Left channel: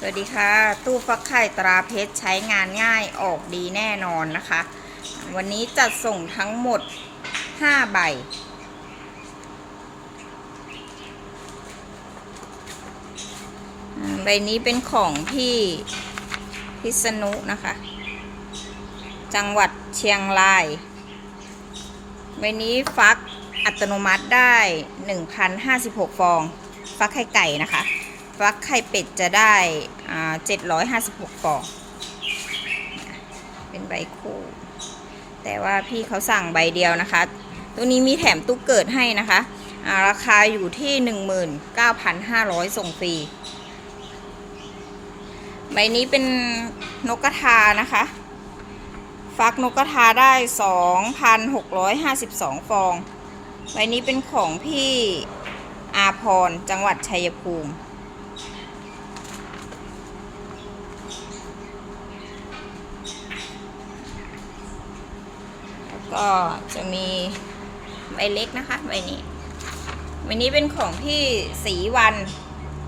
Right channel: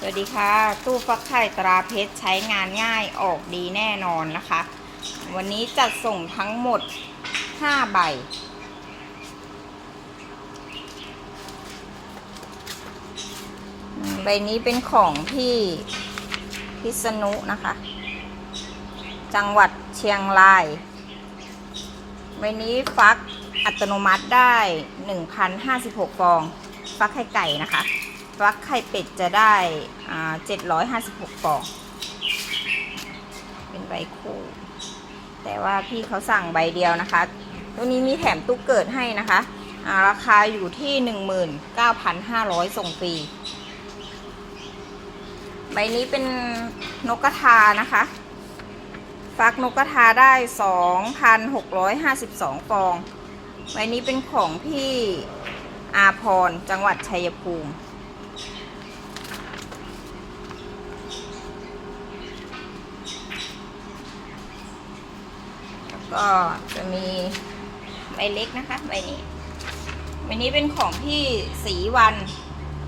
สวัสดีค่ะ ตู้ฟักไข่ตราเพชรใช้งานง่ายออกดีแน่นอนนะคะ วันนี้จัดส่งทั้งหมด 5 ใบ ใบนี้เป็นของพี่พิษณุนะคะ จังหวัดเชียงราย ใบนี้ฟักอัตโนมัติได้ 1,056 ฟอง ฟักไข่ไก่นะคะ ฟักไข่เป็ดจะได้เจ็ดร้อ่า756ฟองเป็นใบคู่ แต่ว่าพี่เขาสั่งใบเดียวนะคะ ตัวนี้มีแถมตู้เกิดให้นะคะาราคาอยู่ที่ 19,500 ส่งฟรี ใบนี้เป็นนกกระทานะคะ ฟักนกกระทาได้ 2,652 ฟอง ใบนี้เป็นของพี่อาพร จังหวัดชัยภูมิ แล้ว ก็จะมีใบเล็กนะคะใบนี้ใบนี้เป็นของพี่ศรีวัน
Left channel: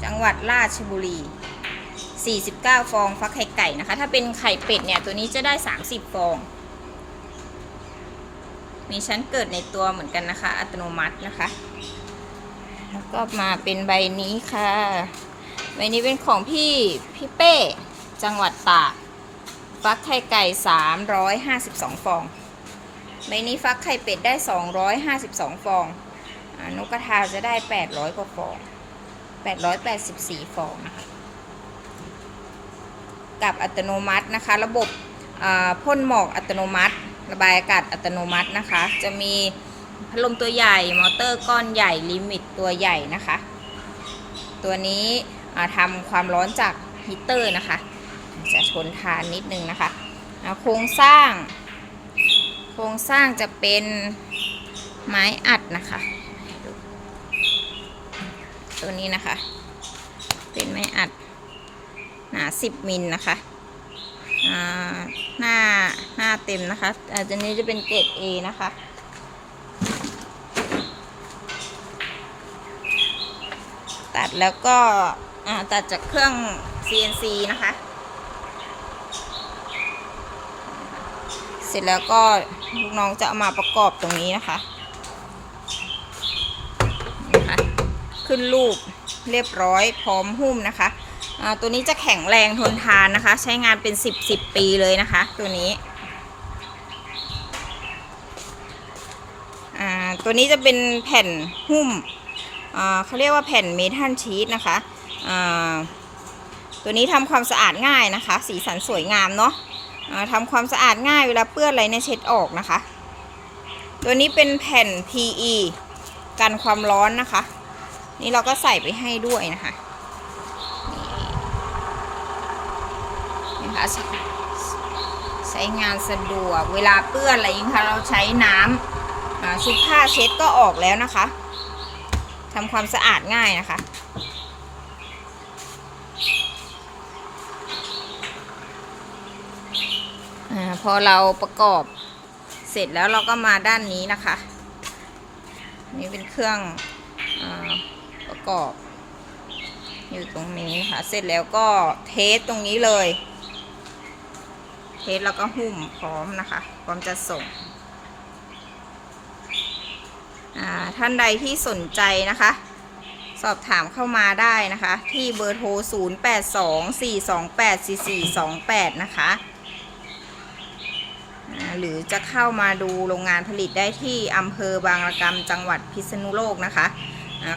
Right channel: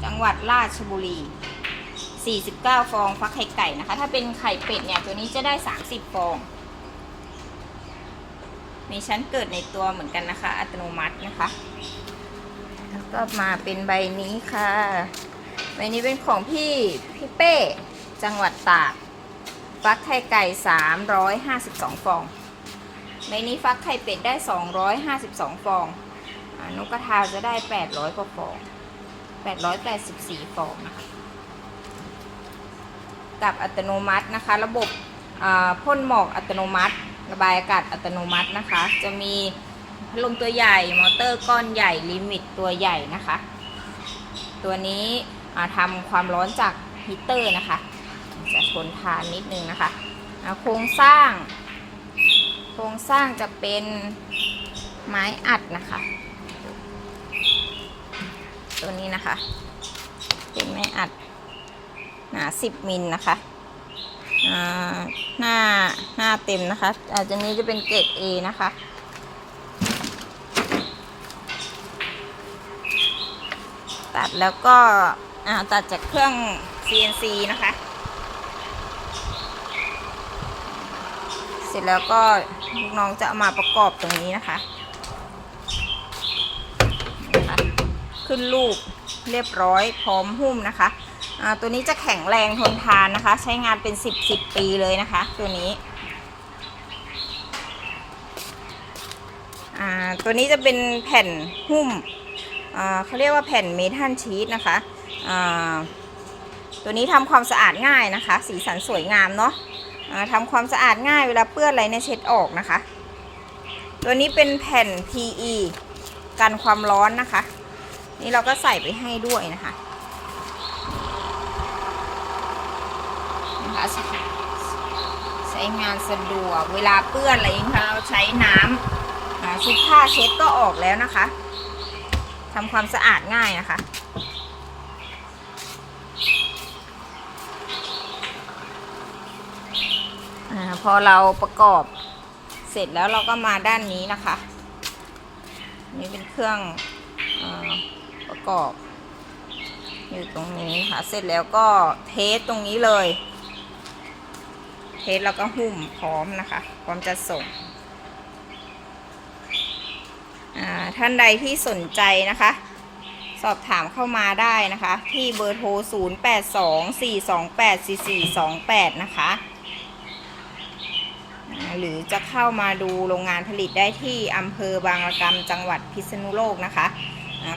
จังหวัดราชบุรี 49 ฟองฟักไข่ไก่นะคะ ถ้าเป็นไข่เป็ดเนี่ยตัวนี้จะได้ 30 ฟอง มีชั้นเกิดในตัวเหมือนกันนะคะ อัตโนมัตินะคะ แล้วก็มาเป็นใบนี้ค่ะ ใบนี้เป็นของพี่พี่เป้ จังหวัดตากฟักไข่ไก่ 352 ฟอง ใบนี้ฟักไข่เป็ดได้ 252 ฟองอนกกระทาจะได้ 800 กว่าฟอง 884 ฟองนะคะกับอัตโนมัตินะคะ ระบบพ่นหมอกอัตโนมัติ ระบายอากาศอัตโนมัตินะคะ จะมีพัดลมตัวใหญ่ มอเตอร์ก้อนใหญ่ลิมิตตัวใหญ่นะคะ ตัวนี้ทำความร้อนจากฮีตเตอร์นะคะ จะทนทานนิดนึงนะคะ โครงสร้าง โครงสร้างจะเป็นไม้อัดนะคะ ตัวนี้นะคะ เป็นไม้อัด หนา10มิลนะคะหน้าหน้าเต็มนะคะ อาจจะนี้จะเป็นเกรด A นะคะ ตัดแล้วก็ตัดจากเครื่อง CNC นะคะ เสร็จแล้วก็ลูกน้องจะเอามาประกอบตรงนี้นะคะนะคะ ขึ้นรูปเรียบร้อยพร้อมหุ้มนะคะตัวนี้จะแข็งแรงทนทานนะคะ ใช้งานเป็น 10 10 ปีเลยนะคะ ตัวนี้ตัวนี้จะเป็นแผ่นหุ้มเขาเรียกว่าแผ่นเมทัลชีตนะคะ ตัวนี้ทำความสะอาดง่ายนะคะ สีสันสวยงามเนาะ ทำความสะอาดง่ายเวลาเปื้อนอะไรเนี่ยเช็ดออกนะคะ ตัวนี้เป็นแผ่น PE กันความร้อนนะคะ นี่เราก็ใส่ไปให้ด้วยนะคะนะคะใช้งานสะดวกเวลาเปื้อนอะไรอย่างคะเราใช้น้ำชุบผ้าเช็ดก็ออกแล้วนะคะทำความสะอาดง่ายนะคะอา พอเราประกอบเสร็จแล้วเราก็มาด้านนี้นะคะ นี่เป็นเครื่องอประกอบ อยู่ตรงนี้ค่ะเสร็จแล้วก็เทสตรงนี้เลย เทสแล้วก็หุ้มพร้อมนะคะ พร้อมจะส่งท่านใดที่สนใจนะคะ สอบถามเข้ามาได้นะคะ ที่เบอร์โทร 0824284428 นะคะอ่า หรือจะเข้ามาดูโรงงานผลิตได้ที่อำเภอบางระกำจังหวัดพิษณุโลกนะคะ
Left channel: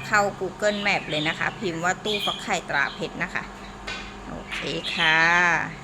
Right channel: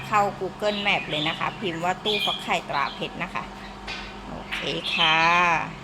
เข้า Google Map เลยนะคะ พิมพ์ว่าตู้ฟักไข่ตราเพชรนะคะ โอเคค่ะ